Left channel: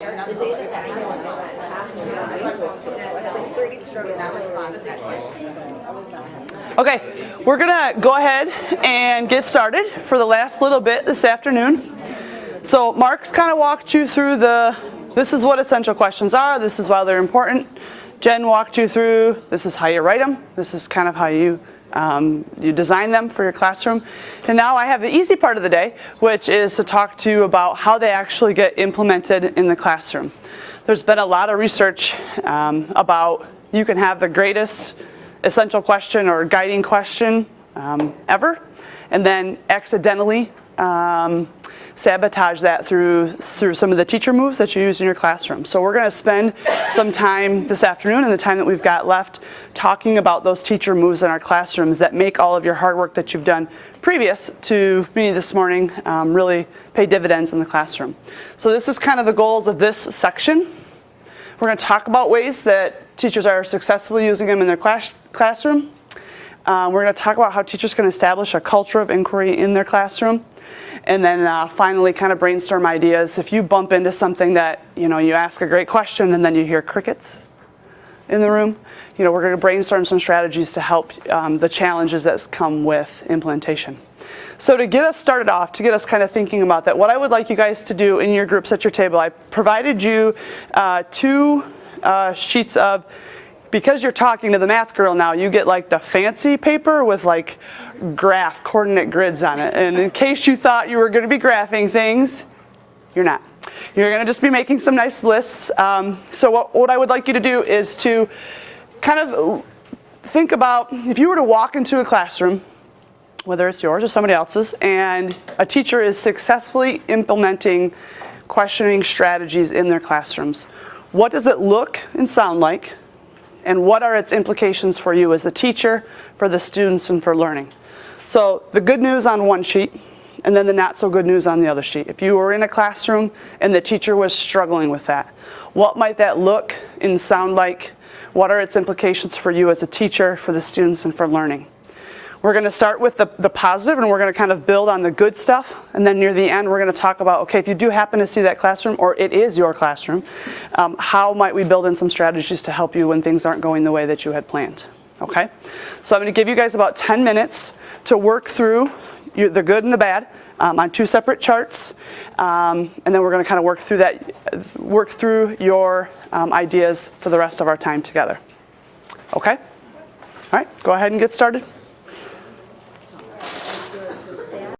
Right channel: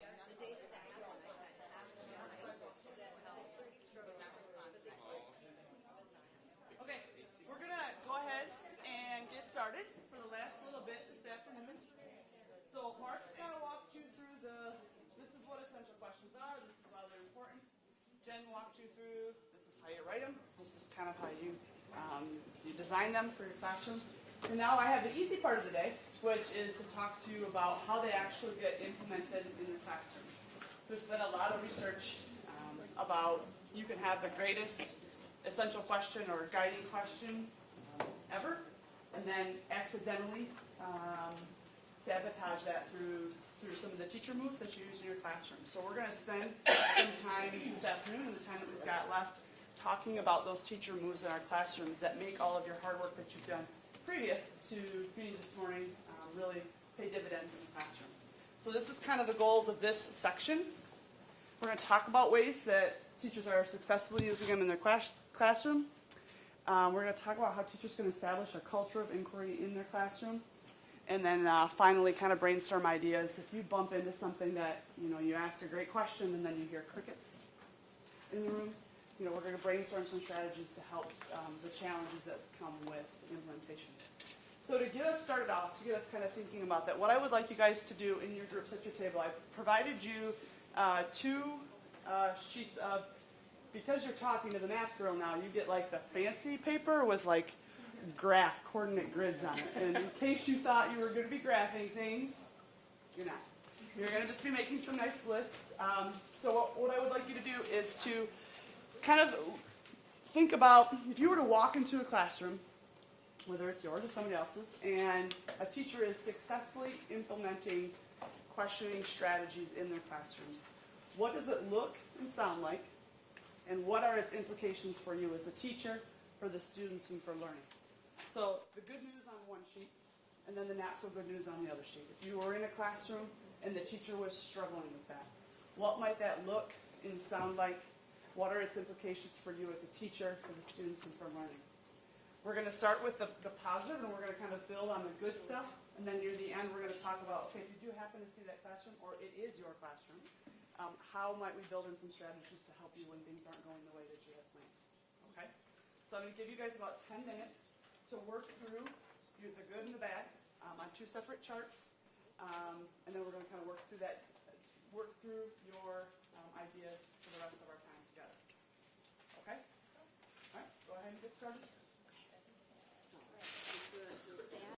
The data that I want to have so I have like 32 would not respond to that question. Okay, we're gonna go ahead and get started for the last little bit this afternoon. So Mark's kind of walked you through this is what essential questions are, this is why they're important. Jen walked you through, this is how you write them, this is kind of how you design them for your classroom. And now I have the easy part of the day, which is to talk to you about how they actually get implemented in the classroom. There's been a lot of research about you can have the greatest essential question or guiding question ever, and then accidentally sabotage that through some of the teacher moves that you use in your classroom. So we're going to spend some time this afternoon and the time that we've got left talking about those teacher moves in our classrooms that make all of your hard work that you've done previous to me this morning really pay dividends in the classroom. So this is kind of the goals of this section. We're going to talk about ways that teachers are successfully using them in their classroom. We're going to talk about how teachers can establish a culture of inquiry in their classroom. And then finally kind of brainstorm ideas. If you bump into something that, you ask a great question and then you hear crickets in the room, we're going to brainstorm some strategies to help the challenges that come with implementation. So to get us started off, to get us kind of thinking about that, what I would like you guys to do in your groups at your table, I provided you two sheets of, because you're talking to the math girl now, you get like the fancy paper with like graph coordinate grids on it. And in case you thought you were going to be graphing things, you're not. You're going to just be making some nice lists. So what I would like you to do is to kind of think about if you were to walk into a classroom, whether it's yours or somebody else's, and a teacher is successfully implementing questioning strategies in their classrooms. What does it look and sound like? And what are its implications for you as a teacher, for the students, and for learning? So the good news on one sheet, and then the not so good news on the other sheet. If you were in a classroom and the teacher was struggling with that, what might that look and sound like? What are its implications for you as a teacher, for the students, and for learning? We're going to start with the positive, and we're going to kind of build on the good stuff. And then near the end, we're going to talk about, okay, if you do happen to see that classroom, or it is your classroom, how might we build in some strategies to help you when things aren't going the way that you had planned? Okay? So I'm going to give you guys about 10 minutes to work through the good and the bad on two separate charts. And then we're going to kind of work through your ideas for the rest of our time together. Okay? All right, go ahead and get started.